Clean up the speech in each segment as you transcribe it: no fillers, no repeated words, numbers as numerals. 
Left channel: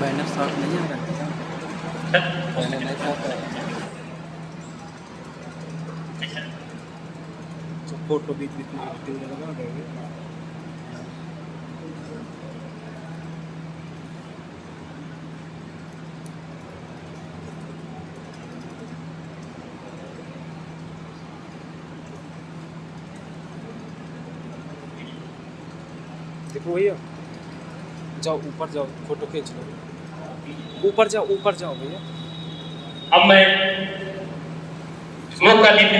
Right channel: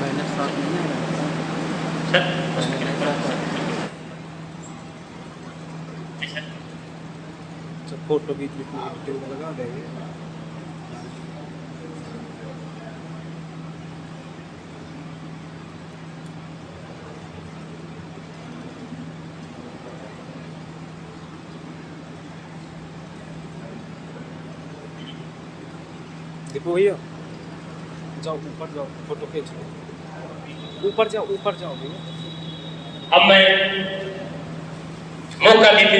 मैंने साथ नहीं आ रहा मैंने नहीं साथ आया। अच्छा फोटो भी एडिटिंग का लगा देंगे। देखो भैया, जाओ ऊपर जाओ, फोटो खींच लो। ऊपर जाओ भैया। अब मैं मौका देते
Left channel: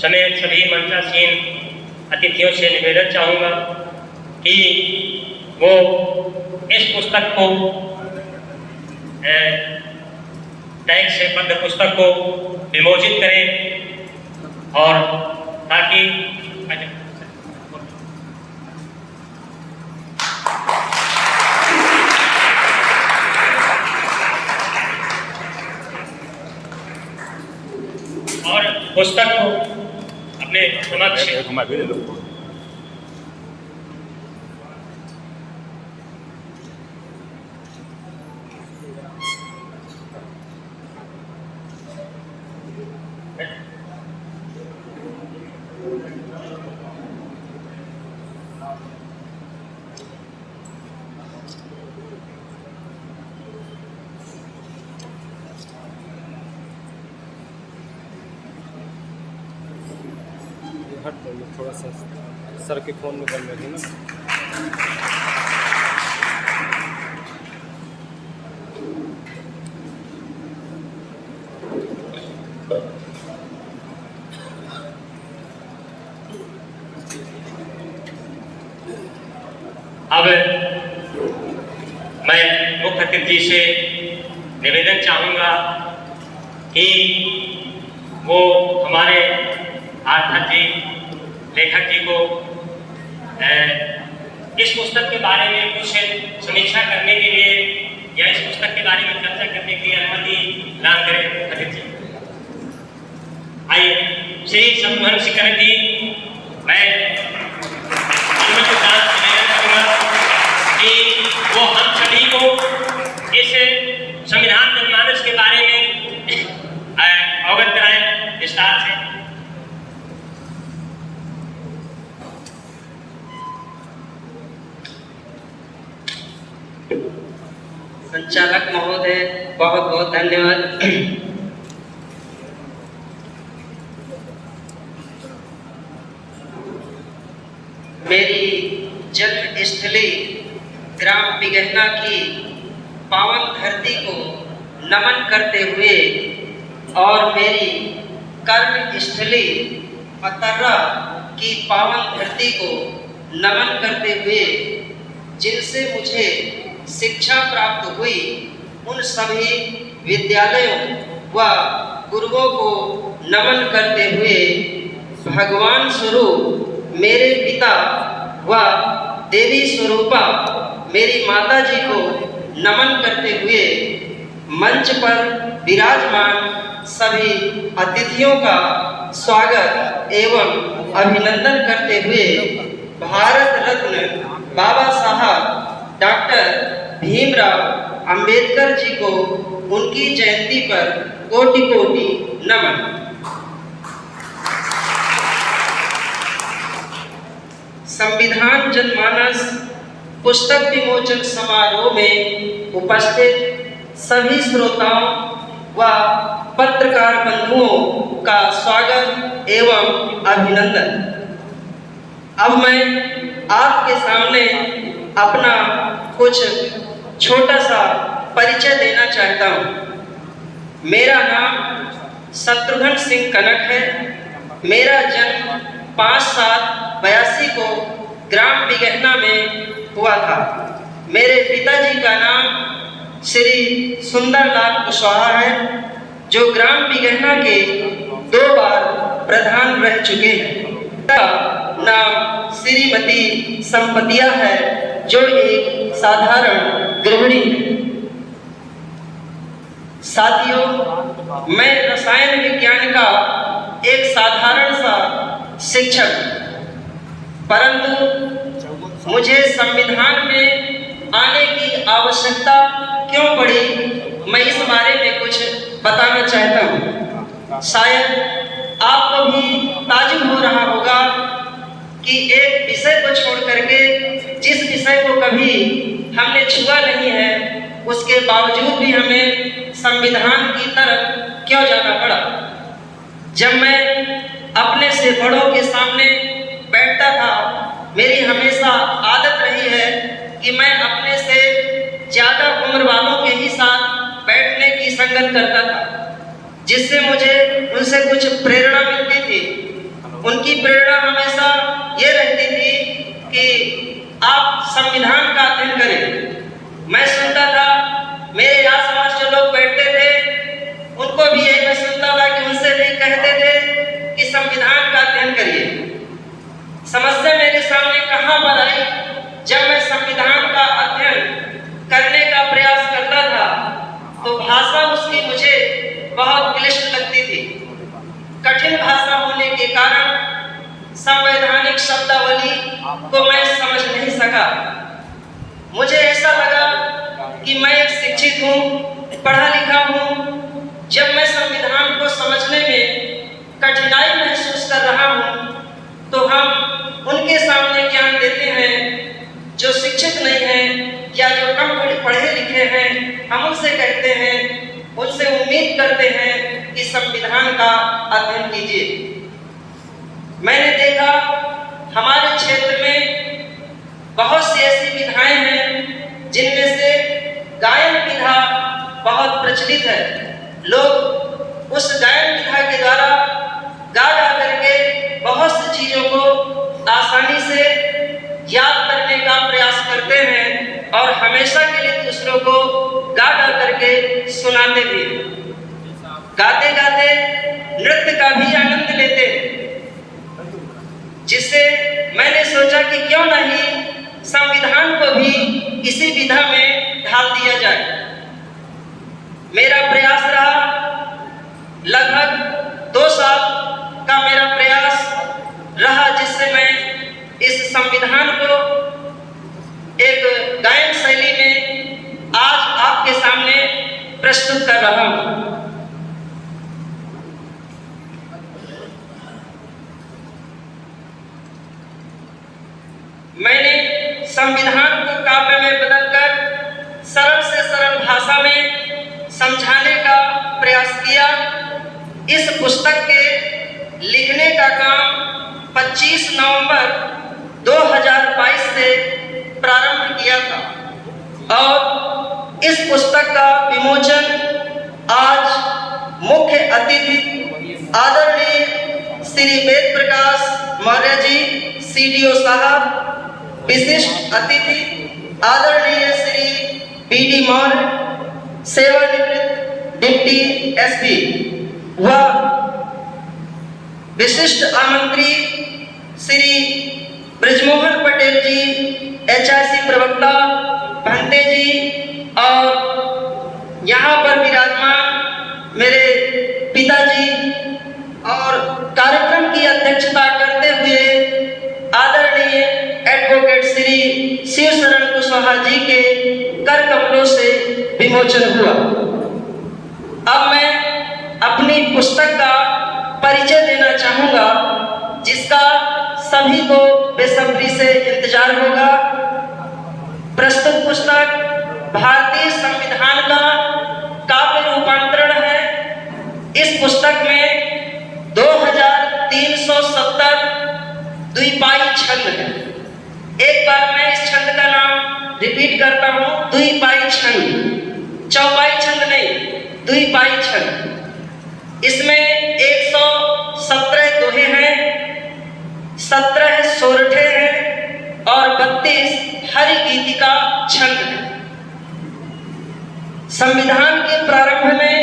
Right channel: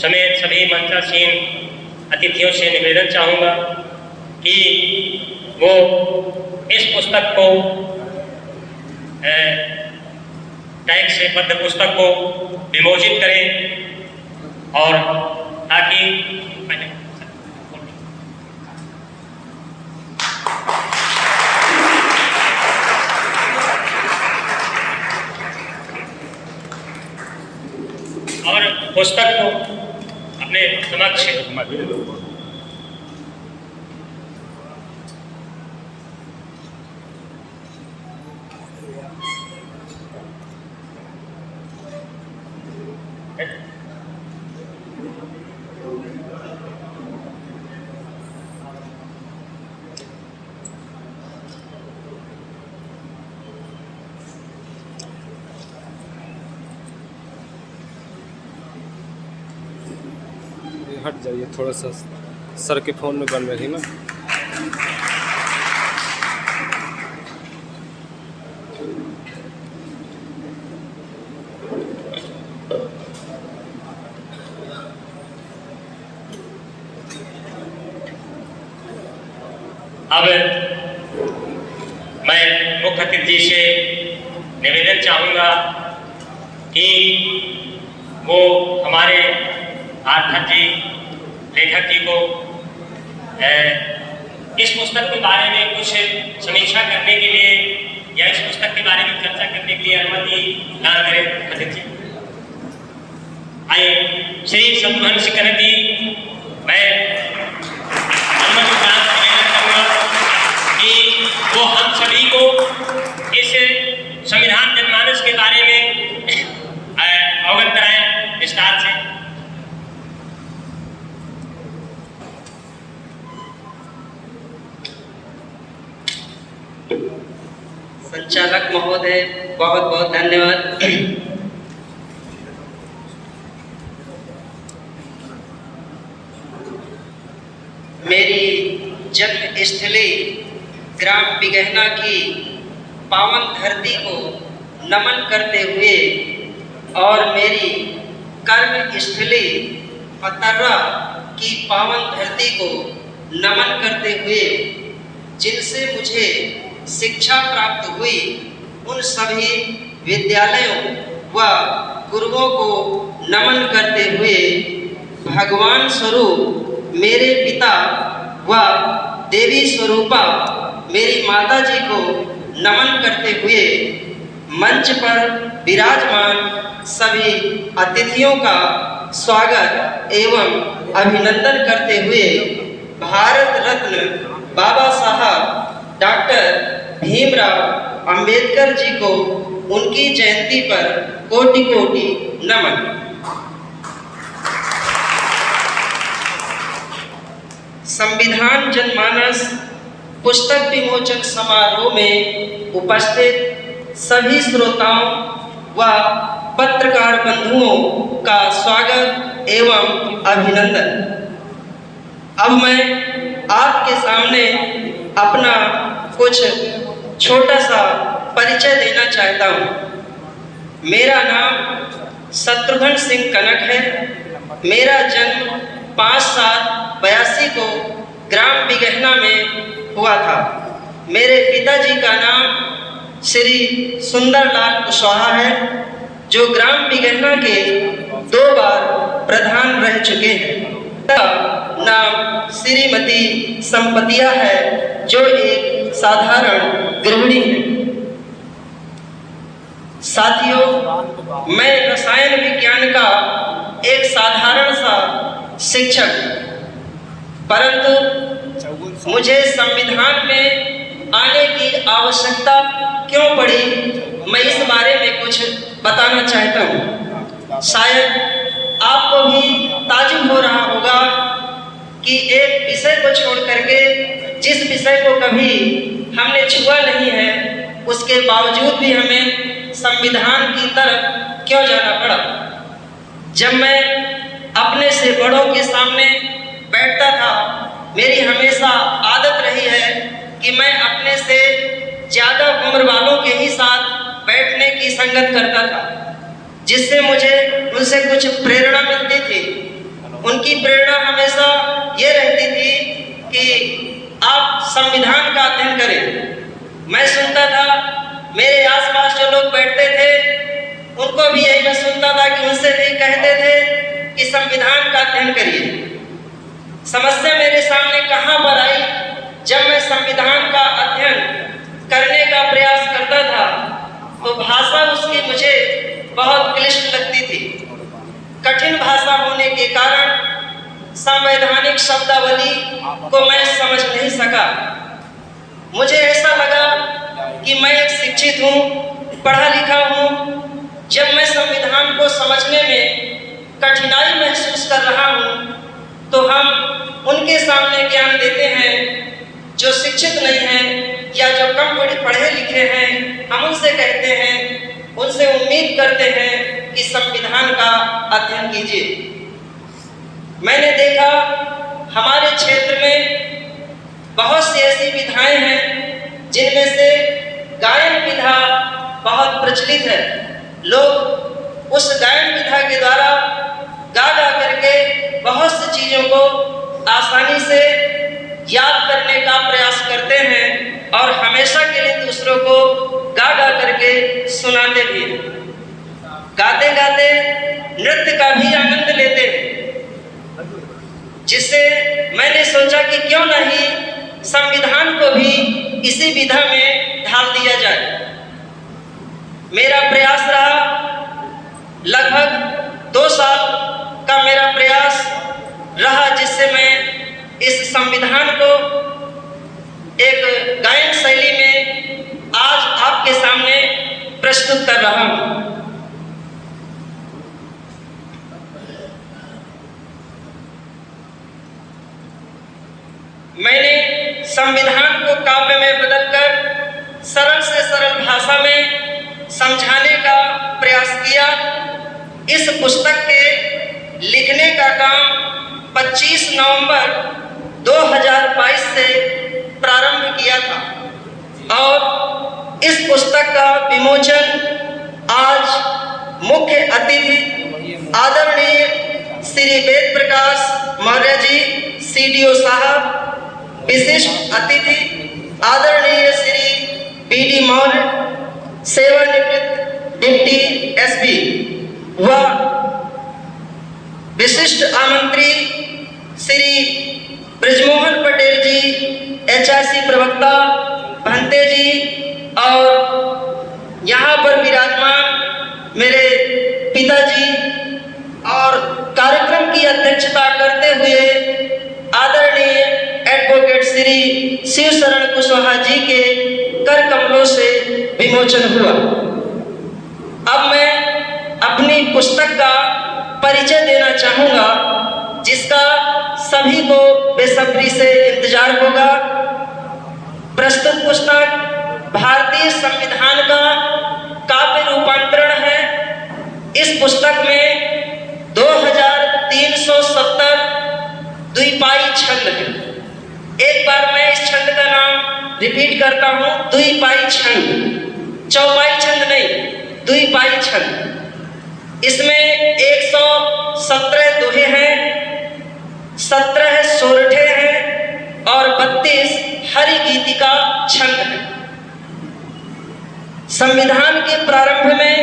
समेत सभी मंत्रासीन अतिथियों से निवेदन चाहूँगा कि वो इस पुस्तक को टैग से बद्ध पुस्तक को विमोचित करें और ताकि और पुस्तक को अपने समक्ष हट जाइए थोड़ा सा, सर के फ़ोन में बन रही ना। अब मैं मुख्य अतिथि से निवेदन चाहूँगा कि वो हमारे आर्थक जी लेखक जी को इस पुस्तक के बारे में कुछ समीक्षा करने के लिए या इस पुस्तक के बारे में चर्चा करने के लिए अनुमति दान करें। अतिथि आइए श्री सम्मान शिखर जी, मैं कि वो हम सभी को इस संविधान जनमानस के बारे में अवगत कराएं विस्तार से। संचालक महोदय बहुत बहुत धन्यवाद। मेरी जन्मस्थली ग्राम बिगहना की पावन धरती को नमन करते हुए और मेरी कर्मस्थली अतर्रा की पावन धरती को नमन करते हुए जिनसे मुझे शिक्षा प्राप्त हुई उन सभी विद्यालयों व गुरुओं को नमन करते हुए भगवान स्वरूप मेरे पिता व देवी स्वरूपा मेरी माता जी को नमन करते हुए मंच पर विराजमान सभी अतिथियों का स्वागत एवं अभिनंदन करते हुए भारत रत्न बाबा साहब डॉक्टर भीमराव अंबेडकर जी को उनकी जयंती पर कोटि कोटि नमन। संविधान जनमानस पुस्तक विमोचन समारोह में उपस्थित सभी श्रोताओं व पत्रकार बंधुओं का स्वागत एवं अभिनंदन। अब मैं आपके सामने अपना कुछ छोटा सा परिचय देना चाहता हूँ। मेरा नाम शत्रुघ्न सिंह कनक है। मेरा जन्म 5/7/82 को ग्राम बिगहना में हुआ था। मेरे पिताजी का नाम श्री सुंदरलाल कुशवाहा है, जो ग्राम बिगहना के 2 बार प्रधान रह चुके हैं। नाम श्रीमती संपतिया है, जो एक साधारण गृहिणी है। साथियों, मैं रसायन विज्ञान का एक साधारण सा शिक्षक, परंतु मुझे संविधान में आने की आवश्यकता क्यों पड़ी, मैं इस बारे में कुछ बताना चाहता हूँ। शायद आपको भी ताजुब हो रहा होगा कि एक विषय को छोड़ करके जिस विषय को कभी हमने छुआ नहीं है, उसके बावजूद भी हमें संविधान की तरफ क्यों जाना पड़ा। जब मैं अपने से बड़ों के सामने बैठता था, मेरी हमेशा आदत रही है कि मैं अपने से ज़्यादा उम्र वालों के ही साथ बैठने की संगत करता था, जिससे मुझे उनसे कुछ प्रेरणा मिलती थी। उनकी प्रेरणा हमेशा ये रहती थी कि आप संविधान का अध्ययन करें। मैं सुनता था, मेरे आसपास जो लोग बैठते थे उनको भी यही मैं सुनता था कि उनसे भी कहते थे कि संविधान का अध्ययन करिए। समस्या मेरे सामने कहाँ पर आई, जब मैं संविधान का अध्ययन करने का प्रयास करता था तो भाषा उसकी मुझे बहुत क्लिष्ट लगती थी। कठिन भाषा होने के कारण संवैधानिक शब्दावली को मैं समझ नहीं सका। मुझे ऐसा लगा कि मैं एक शिक्षित हूँ, पढ़ा लिखा हूँ। जब मैं संविधान को समझने में कठिनाई महसूस कर रहा हूँ तो हम उनके सामने ज्ञान देते हैं जो शिक्षित नहीं हैं या जो कम पढ़े लिखे हैं। हम उनसे कहते हैं, उनसे उम्मीद करते हैं कि संविधान का अध्ययन कीजिए। मैंने देखा हमारे क्षेत्र में बहुत सी ऐसी विधाएं हैं जिनमें से गायन विधा बहुत प्रचलित है। लोग उस गायन विधा के द्वारा गा गा करके बहुत सी चीज़ों को आसानी से याद करने का प्रयास करते हैं और हमेशा के लिए दूसरों को गा गा करके सुनाते भी। गाते गाते नृत्य का भी आनंद लेते हैं, जिससे मैंने सोचा कि क्यों नहीं संविधान को भी इसी विधा में ढाल दिया जाए। मेरा प्रयास रहा, लगभग 2 साल का मेरा प्रयास रहा, जिससे मैं इस संविधान को एक गायन शैली में आज आपके सामने प्रस्तुत कर रहा हूँ। मैंने संविधान को काव्य में बदलकर सरल से सरल भाषा में समझाने का प्रयास किया। इस पुस्तक के लिखने का काम 25 नवंबर 2022 से प्रारंभ किया था और इस पुस्तक का विमोचन आज मुख्य अतिथि आदरणीय श्री वेद प्रकाश मौर्य जी CDO साहब, विशिष्ट अतिथि आदरणीय श्री BD मौर्य सेवानिवृत्त डिप्टी SP व विशिष्ट आमंत्री श्री ब्रजमोहन पटेल जी HRC प्रवक्ता भंते जी और यहाँ पर विराजमान मेरे पिताजी और कार्यक्रम की अध्यक्षता करते हुए आदरणीय एडवोकेट श्री शिव शरण कुशवाहा जी के कर कमलों से विमोचन हुआ। अब मैं अपनी पुस्तक का परिचय देना चाहूँगा, जिसका सभी को बेसब्री से इंतजार होगा। प्रस्तुत पुस्तक भारतीय संविधान का काव्य रूपांतरण है। इस पुस्तक में 2370 द्विपाई छंद है। एक बार मैं इस छंद का नाम रिपीट करता हूँ, द्विपाई छंद, चौपाई छंद नहीं, द्विपाई छंद। इसमें 117 दोहे हैं, 17 सोरठे हैं और 32 हरि गीतिका छंद है। संविधान के प्रारंभ में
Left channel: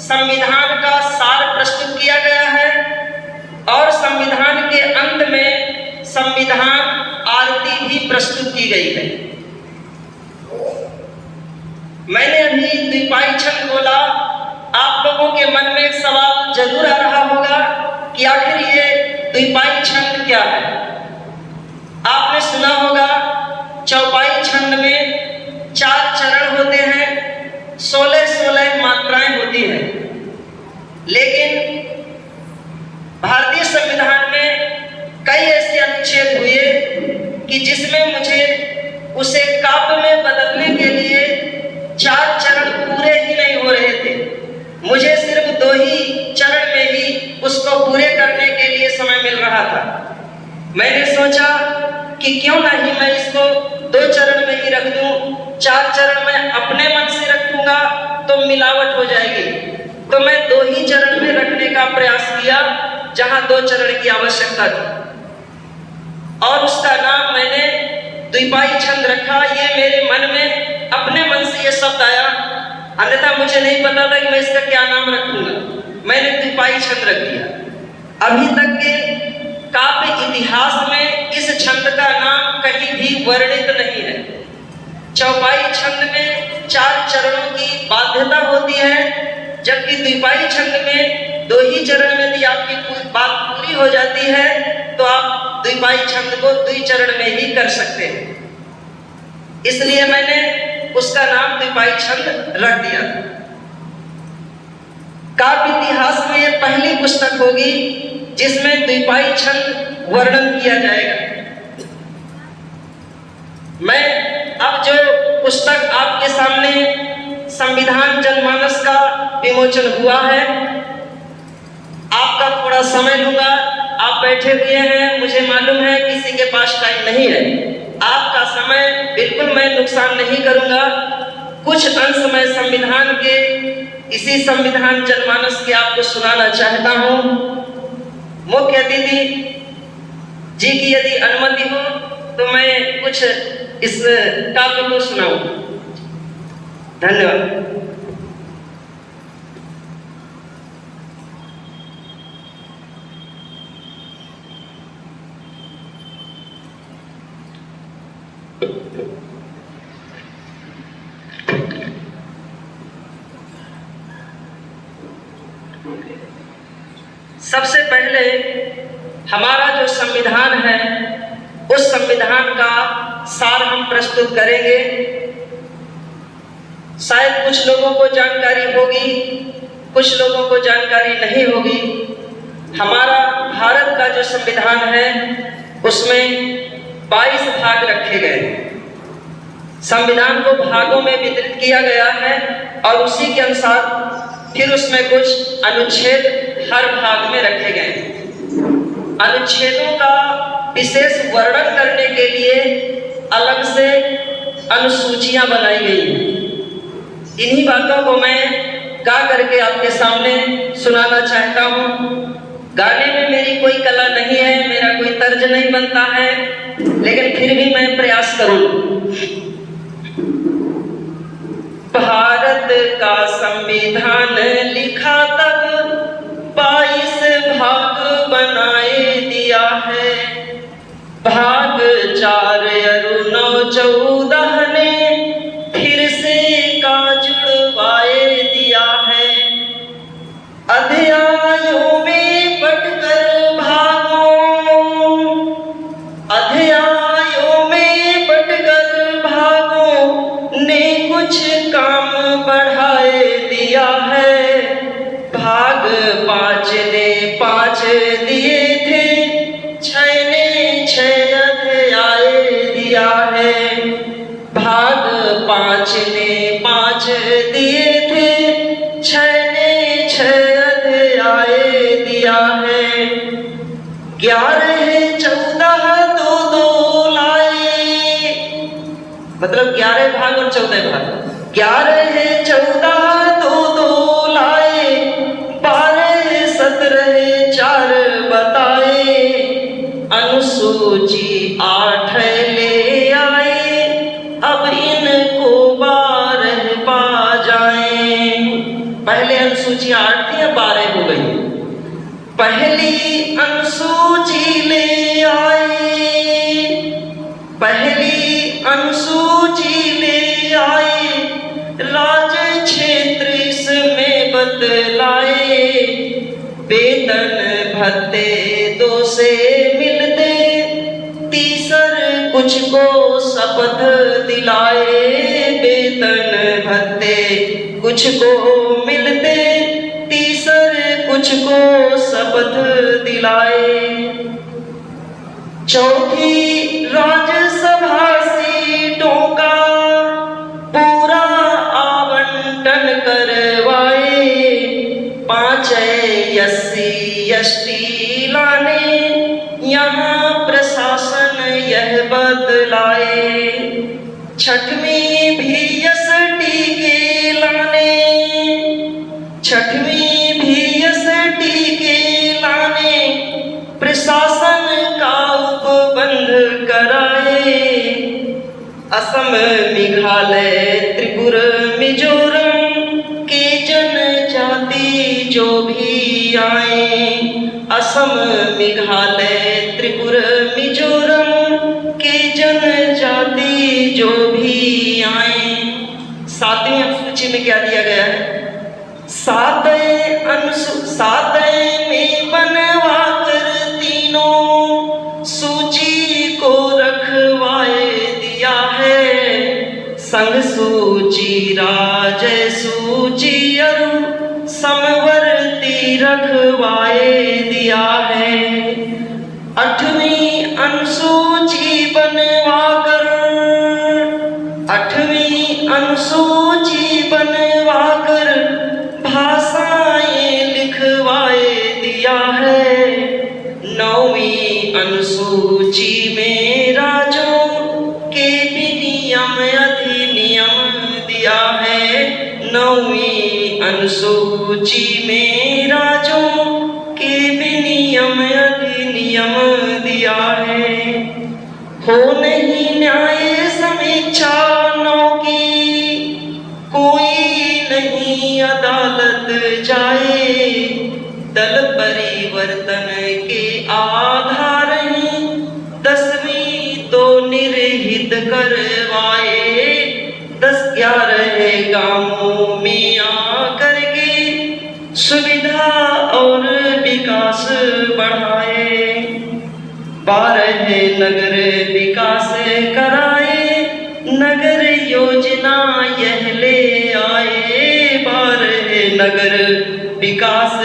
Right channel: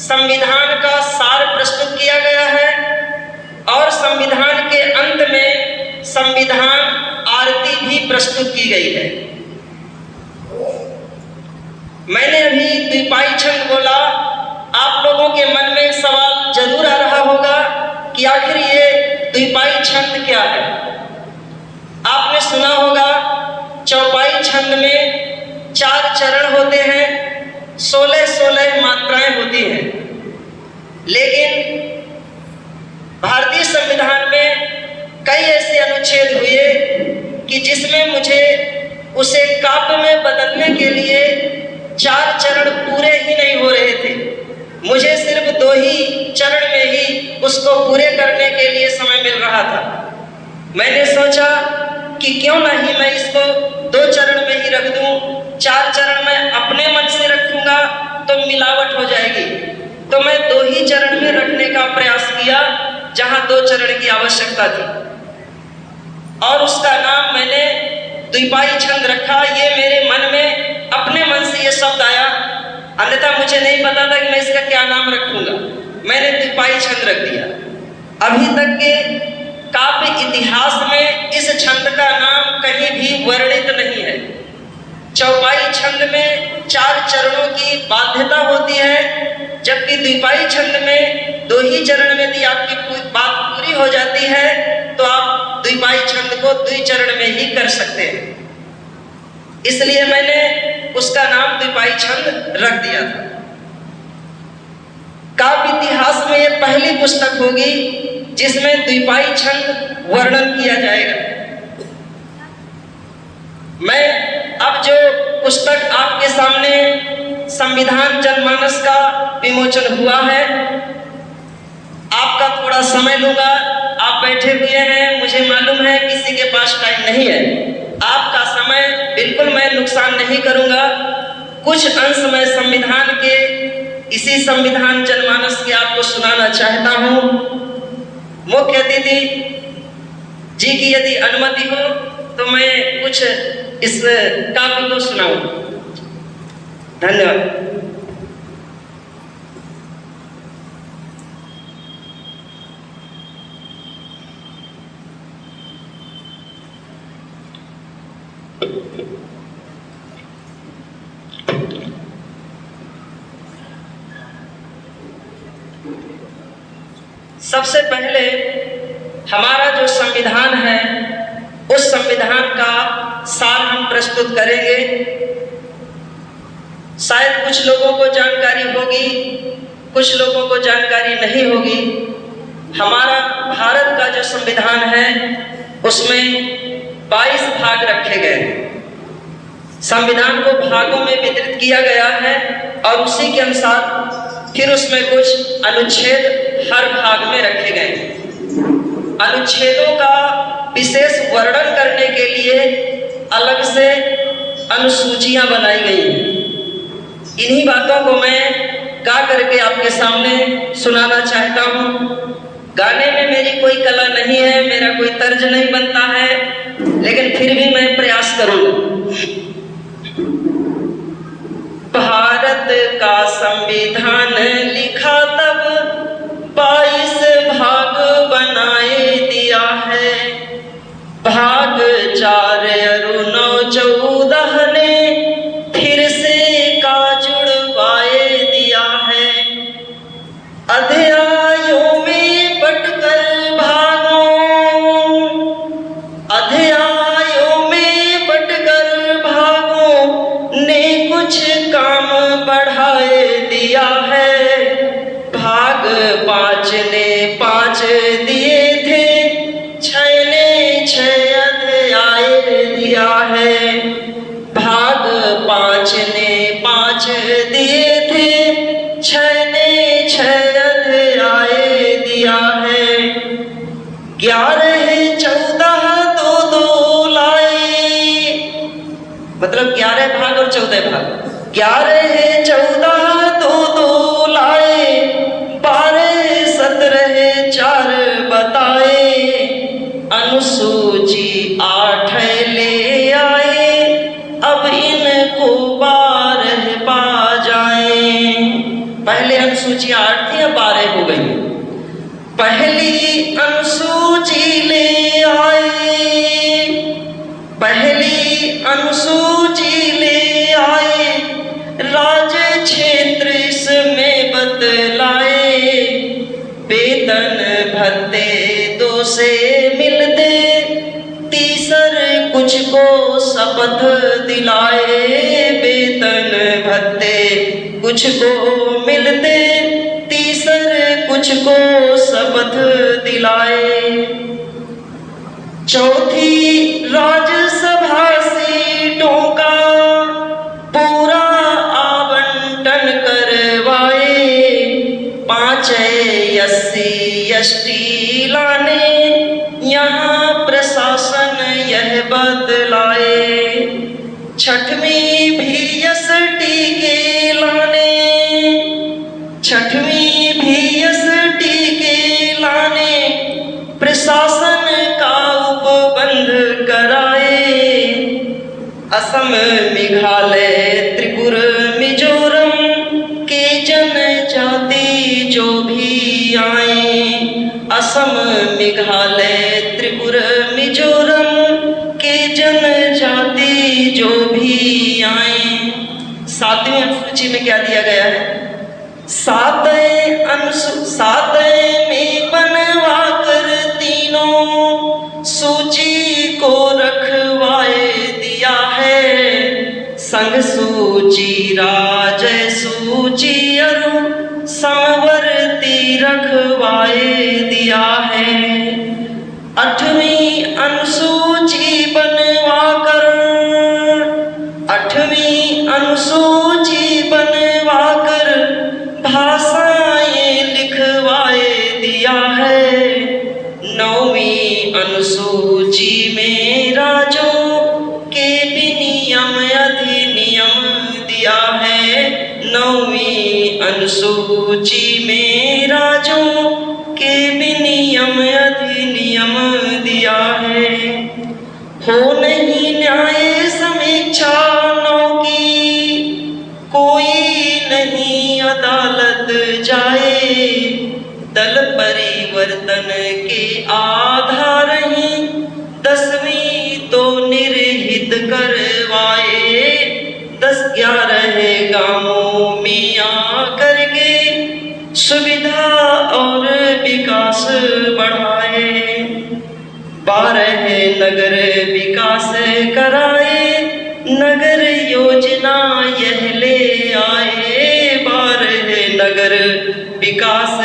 संविधान का सार प्रस्तुत किया गया है और संविधान के अंत में संविधान आरती भी प्रस्तुत की गई है। मैंने अभी द्विपाई छंद बोला, आप लोगों के मन में एक सवाल जरूर आ रहा होगा कि आखिर ये द्विपाई छंद क्या है। आपने सुना होगा चौपाई छंद में 4 रख दूं, 4 चरण में अपने मन से रखूंगा तो मिलावट हो जाएगी। तो मैं 2 ही चरण में रखने का प्रयास किया जहां 2 चरण की आवश्यकता थी, और उसका नाम मैंने द्विपाई छंद रखा। ये मेरे मन में अपने मन से ये शब्द आया, अन्यथा मुझे नहीं पता था कि मैं इसका क्या नाम रखूंगा। मैंने द्विपाई छंद रख दिया। अभी तक के काव्य इतिहास में इस छंद का नाम कहीं भी वर्णित नहीं है। चौपाई छंद में 4 चरणों की बाध्यता होती है, जबकि द्विपाई छंद में 2 ही चरण में यदि आपकी बात पूरी हो जाती है तो आप द्विपाई छंद को 2 चरण में ही कर सकते हैं। इसलिए मैंने उसका नाम द्विपाई छंद रख दिया। काव्य इतिहास में यह पहली पुस्तक होगी जिसमें द्विपाई छंद वर्णन किया जाएगा। मैं अब जो पुस्तक आपके सामने संविधान जनमानस का विमोचन हुआ है, आपका थोड़ा समय लूंगा। आप बैठे हुए हैं, मुझे मालूम है किसी के पास टाइम नहीं है। आपका समय बिल्कुल मैं नुकसान नहीं करूंगा। कुछ अंश मैं संविधान के, इसी संविधान जनमानस के आपको सुनाना चाहता हूं। मुख्य अतिथि जी की यदि अनुमति हो तो मैं कुछ इस काव्य को सुनाऊं। धन्यवाद। सबसे पहले हमारा जो संविधान है उस संविधान का सार हम प्रस्तुत करेंगे। शायद कुछ लोगों को जानकारी होगी, कुछ लोगों को जानकारी नहीं होगी। हमारा भारत का जो संविधान है उसमें 22 भाग रखे गए। संविधान को भागों में वितरित किया गया है और उसी के अनुसार फिर उसमें कुछ अनुच्छेद हर भाग में रखे गए। अनुच्छेदों का विशेष वर्णन करने के लिए अलग से अनुसूचियां बनाई गई हैं। इन्हीं बातों को मैं गा करके आपके सामने सुनाना चाहता हूँ। गाने में मेरी कोई कला नहीं है, मेरा कोई तर्ज नहीं बनता है, लेकिन फिर भी मैं प्रयास करूँगा। भारत का संविधान लिखा तब 22 भाग बनाए दिया है। भाग 4 और 9 14 ने फिर से का जुड़वाए दिया है। अध्यायों में बंटकर भागों, अध्यायों में बंटकर भागों ने कुछ काम बढ़ाए दिया है। भाग 5 ने 5 दिए थे, 6 ने 6 अध्याय दिया है। भाग 5 ने 5 दिए थे, 6 ने 6 अध्याय दिया है। 11 14 2 लाए, मतलब 11 भाग और 14 भाग। 11 14 2 लाए, 12 17 4 बताए। अनुसूची 8 ले आए, अब इनको 12 पा जाए। पहले अनुसूची 8 थी, अब 12 हो गई। पहली अनुसूची ले आए, पहली अनुसूची ले आए। राज्य क्षेत्र इसमें बदलाए। वेतन भत्ते 2 से मिलते, तीसर कुछ को शपथ दिलाए। वेतन भत्ते कुछ को मिलते, तीसर कुछ को शपथ दिलाए। चौथी राज्यसभा सीटों का पूरा आवंटन करवाए। 5 SC ST लाने, यहाँ प्रशासन यह बदलाए। छठ छठवीं भी एसटी के लाने, छठवीं भी एसटी के लाने प्रशासन का उपबंध कराए। असम, मेघालय, त्रिपुर, मिजोरम के जनजाति जो भी आए, असम, मेघालय, त्रिपुर, मिजोरम के जनजाति जो भी आए। 7वीं अनुसूची में क्या दिया गया है? 7 में बनवा कर तीनों सूची को रखवाए दिया है। संघ सूची, राज्य सूची और समवर्ती रखवाए दिया है। 8वीं अनुसूची बनवा कर, 8वीं अनुसूची बनवा कर भाषाएं लिखवाए दिया है। 9वीं अनुसूची में राज्यों के विनियम अधिनियम दिया है। 9वीं अनुसूची में राज्यों के विनियम अधिनियम दिया है। हो नहीं न्याय समीक्षा 9 की, कोई नहीं अदालत जाए। दल परिवर्तन के आधार ही 10वीं तो निर्हित करवाए। 10-11 गांवों में आकर के सुविधा और विकास बढ़ाए। 12 नगर विकास कराए, नगर योजना यह ले आए। 12 नगर विकास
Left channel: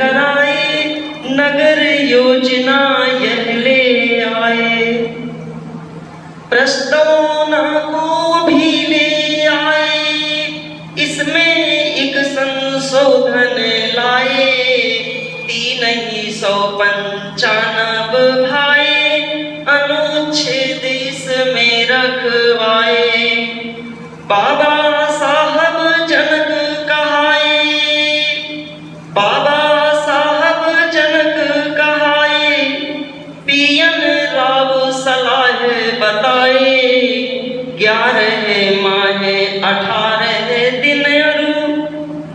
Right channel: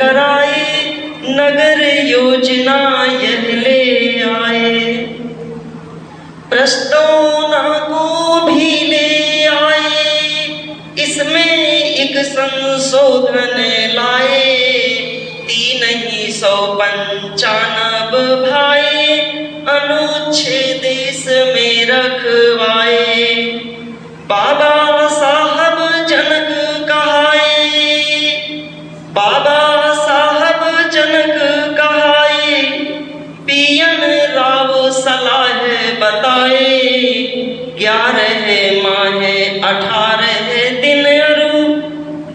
कराए, नगर योजना यह ले आए। प्रस्तावना को भी ले आए, इसमें एक संशोधन लाए। 395 भाई अनुच्छेद इसमें रखवाए। बाबा साहब जनक कहाए, बाबा साहब जनक कहाए, पीएन राव सलाह बताए। 11 माह 18 दिन और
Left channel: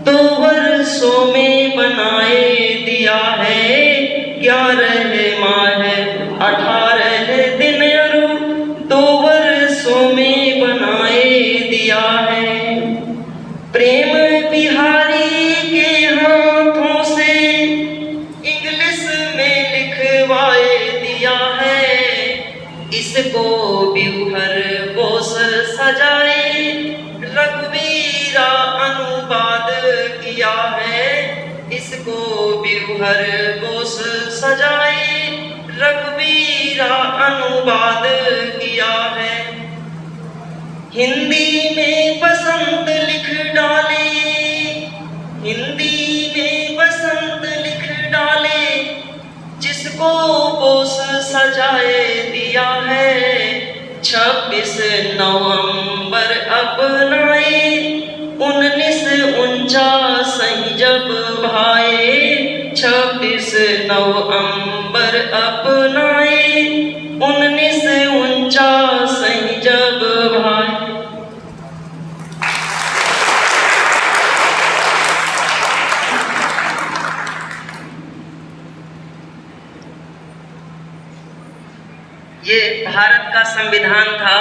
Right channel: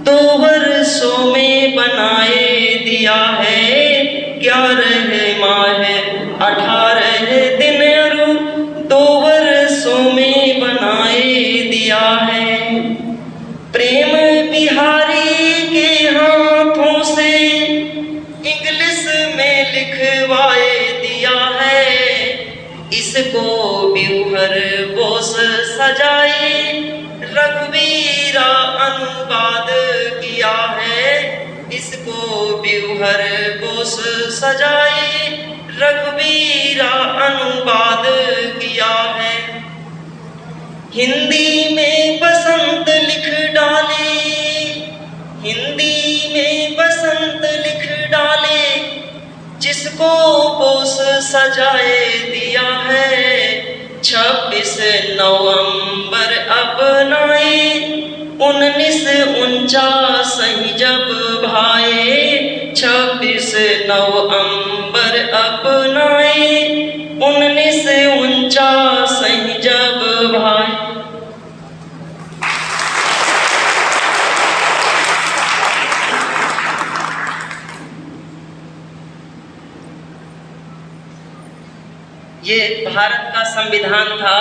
2 वर्षों में बनाए दिया है। 11 माह 18 दिन और 2 वर्षों में बनाए दिया है। प्रेम बिहारी के हाथों से इंग्लिश में लिखवाए दिया है। इसको ब्यूहर बोस सजाए, रघुवीरा अनुवाद किया है। इसको ब्यूहर बोस सजाए, रघुवीरा अनुवाद किया है। हिंदी में बसंत लिख डाले, हिंदी में बसंत लिख डाले, जिसको बोस सजाए दिया है। 26 नवंबर अपनाए, 1949 जब भाए। 26 नवंबर अपनाए, 1949 जब भाए। ये भारत का संविधान था।